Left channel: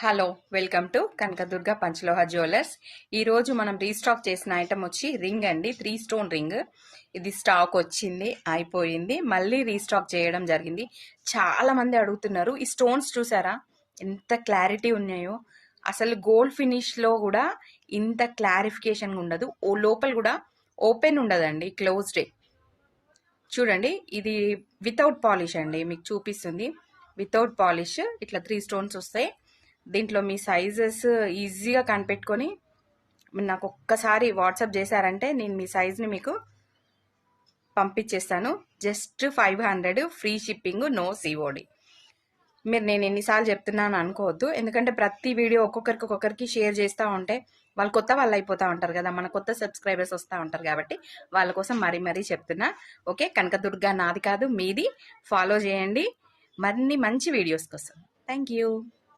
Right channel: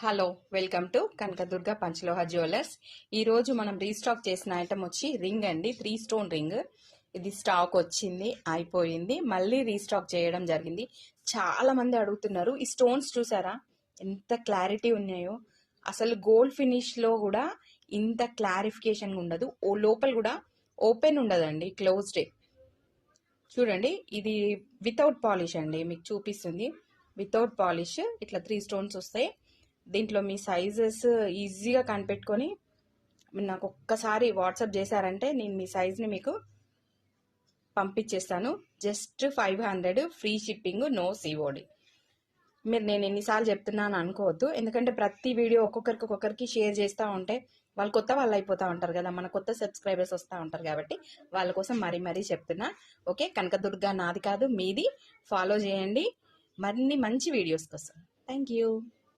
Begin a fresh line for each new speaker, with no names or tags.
Hello welcome to Kanakadurga Panchaloha jewellers ఈరోజు మనం restock చేసిన ఐటమ్ వచ్చి రింగ్ అండి. త్రీ స్టోన్ రింగ్ ఇది స్టాక్ వచ్చింది అయిపోయింది. మళ్ళీ రీస్టాక్ చేయడం జరిగింది. చాలా మంది అడుగుతున్నారు ఈ స్టోన్స్ చూసారా? ఎంత క్లారిటీ ఉన్నాయో. అసలు గోల్డ్ ఫినిష్లో కూడా ఇంత క్లారిఫికేషన్ ఉండదు. ఓ లోపల కూడా ఓపెన్ ఉండదండి క్లోజ్డే చూడండి ఇది వితౌట్ పాలిష్ అండి మీకు చూపిస్తుంది. వితౌట్ పాలిష్ ఇట్లా త్రీ స్టోన్స్ వస్తాయి. దీంట్లో మీ సైజెస్ ఈజీగా కనిపెట్టుకొని నాకు ఒక్కసారి వాట్సాప్ చేశారంటే నేను మీ సైజ్ని మీకు పంపించేస్తాను just five hundred free shipping no COD మీరు నేను ఎన్నిసార్లు చెప్తున్నాను అనుకోవద్దు. ఎందుకంటే ప్రతి వీడియో ఒక్కొక్కరికి ఒక్కొక్కరికి షేర్ చేస్తూ ఉంటే వాళ్ళు కొత్త వాళ్ళు అయిపోతూ ఉంటారు కదా మన కొత్త సబ్స్క్రైబర్స్ వస్తూ ఉంటారు కాబట్టి వాళ్ళ కోసం మరీ మరీ చెప్తున్నా. ఓకే? కనకదుర్గ నాది కాదు మీది. ఫాలో చేయండి. మరిన్ని మంచి వీడియోస్ కోసం. Thank you